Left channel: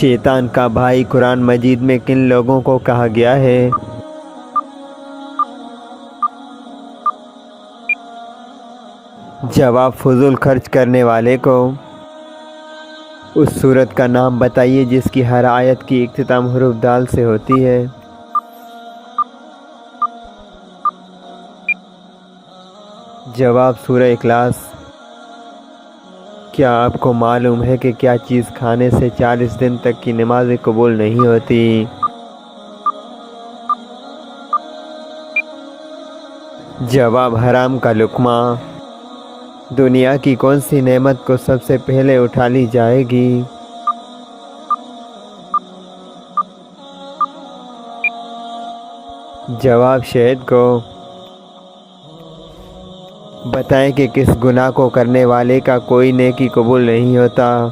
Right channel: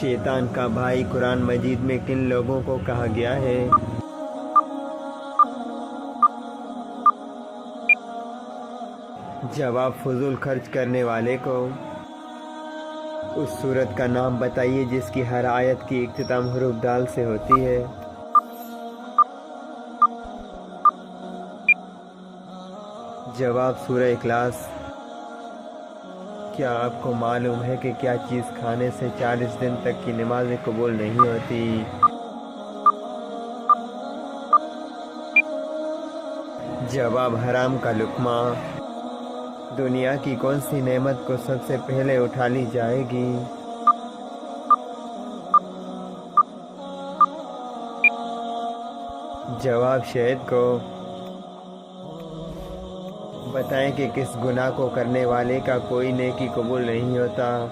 شیطان کا بھائی قرآن مجید میں کن لوگوں کو کہا گیا ہے؟ جواب فضول خرچ کرنے والے کو۔ اس سورت کا نام بتائیے جس کی ہر آیت کی اختتام حرف دال سے ہوتی ہے۔ جواب سورہ اخلاص۔ کیا آپ کو معلوم ہے کہ کیا چیز کھانے سے 40 دن تک کی نمازیں قبول نہیں ہوتی؟ جواب حرام کا لقمہ۔ دنیا کی کون سی نعمت کو سب سے پہلے اٹھا لی جائے گی؟ جواب شہد کو۔ بتائیں کہ کس گناہ کو کرنے والے کا کوئی نیکی قبول نہیں ہوتا؟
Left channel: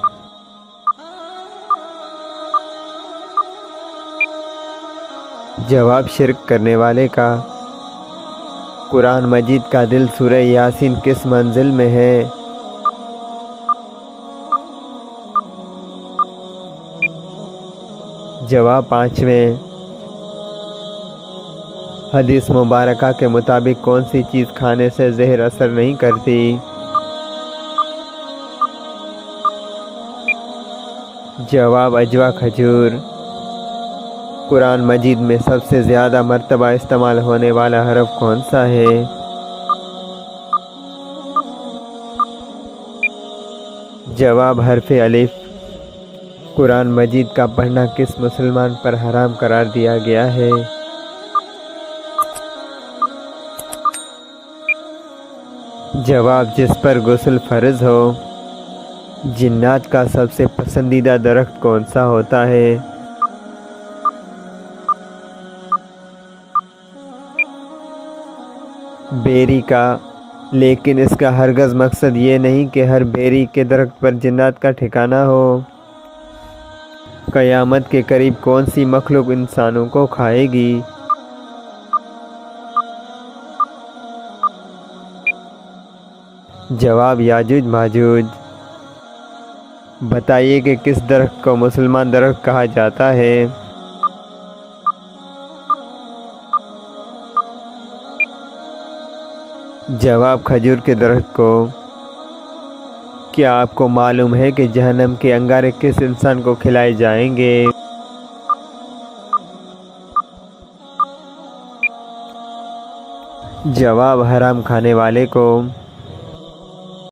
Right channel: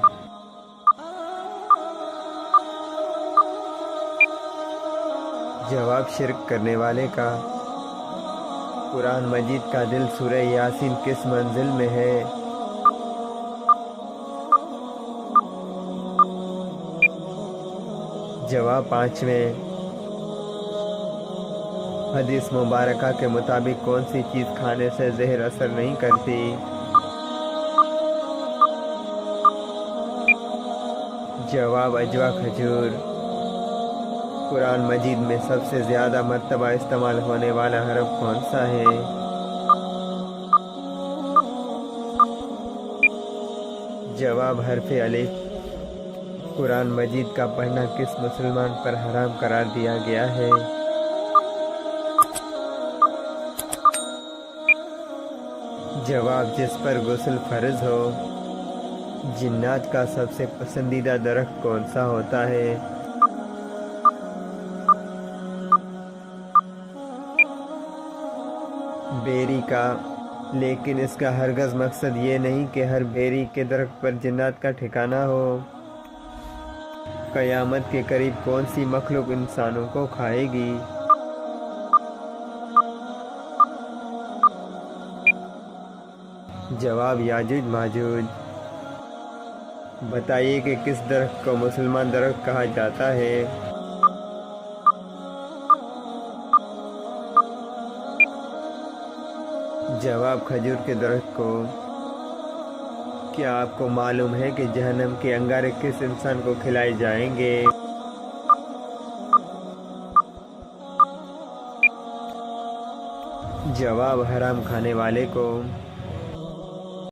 جواب شرک کرنے والے کا۔ قرآن مجید کا دل سورہ یاسین کس منزل میں ہے؟ جواب 5ویں۔ حدیث مبارکہ کے مطابق کون سی چیز کھانے سے زہر اثر نہیں کرتی؟ جواب اجوا کھجور۔ قرآن مجید میں سب سے زیادہ مرتبہ استعمال ہونے والا حرف کون سا ہے؟ جواب حرف الف۔ قرآن مجید کا پڑھنا کس مسلمان پر حرام قرار دیا گیا ہے؟ جواب جس پر غسل فرض ہو۔ جنات کا سب سے پسندیدہ درخت کون سا ہوتا ہے؟ بیری کا، لیکن اس کا ہرگز مقصد یہ نہیں کہ ہر بیری کے درخت پر جنات کا ٹھکانہ ہو۔ قیامت کے قریب کون سی مخلوق انسانوں کو کھائے گی؟ جواب یاجوج ماجوج۔ بتائیے کہ کس درخت کو مسلمان درخت کہا جاتا ہے؟ جواب کھجور کے درخت کو۔ کیا آپ کو معلوم ہے کہ جہنم کے انگارے کس انسان کو کھلائے جائیں گے؟ جواب حرام کھانے والے کو۔